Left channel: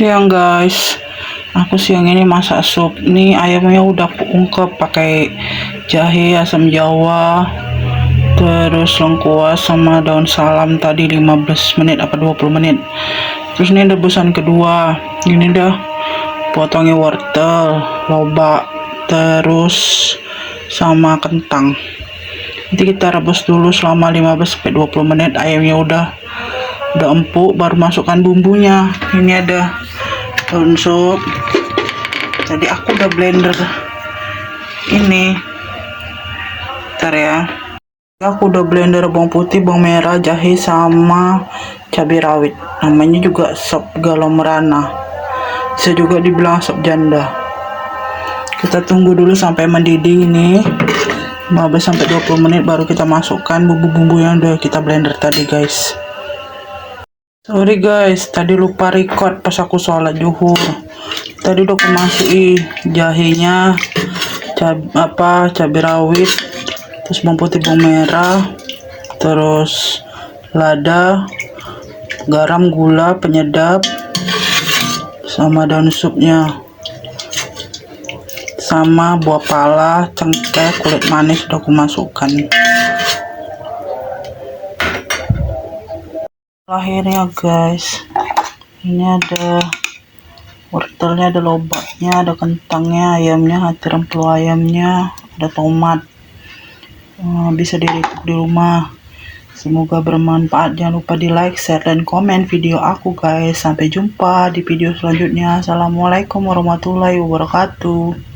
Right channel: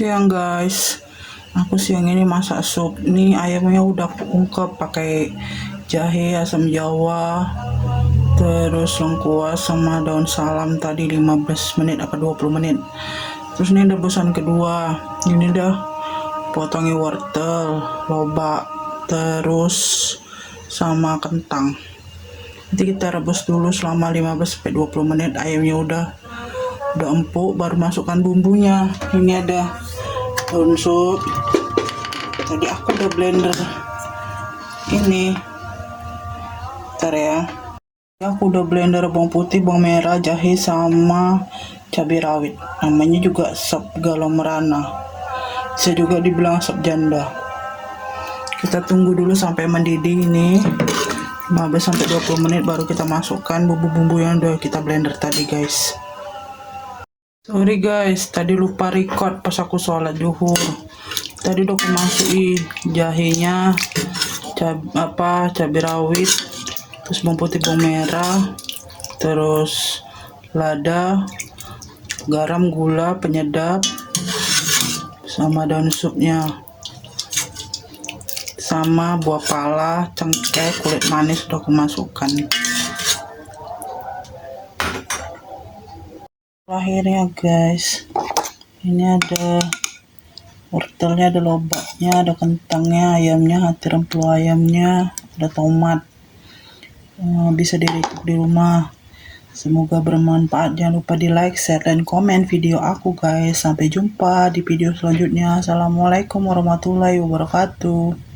Siang guys, aku siang ini masak sup. Nih ayamnya udah aku ungkep pakai jahe, asam jawa, terus lengkuas sama daun salam tadi 15 menit apa 20 menit. Terus ini rebusan kedua. Ini dah potongnya wortel, lobak, terus sama kentang. Nanti kita rebus dulu selama 15-20 menit. Ayamnya udah empuk, baru masukkan bumbunya. Ini ada daun sup. Tadi aku udah blender ini. Bentar ya. Aku udah blender bawang putih, bawang merah, jahe sama cabai rawit. Namanya juga sop galau merana. Bisa juga dibilang sop janda. Kita tunggu dulu sampai mendidih ini. 15-20 menit baru kita masukkan bumbu-bumbu yang udah kita blender tadi guys. Sorry guys, tadi lupa record pas aku sholat zuhur. Tadi udah aku masukin jahenya, cabai rawit, terus bawang putih, bawang merah, terus lada, garam, gula, penyedap, sama daun supnya, sama buah pala, cengkeh, kulit manis udah aku masukkan. Akhirnya guys, ini ada wortelnya, ada lobaknya, ada kentangnya, ayamnya, hati rempelu ayamnya, ada tomat. Bisa diricip di rumah. Semoga bermanfaat. Jangan lupa di like, share, dan komen video aku guys. Sampai jumpa di video selanjutnya. Assalamualaikum warahmatullahi wabarakatuh.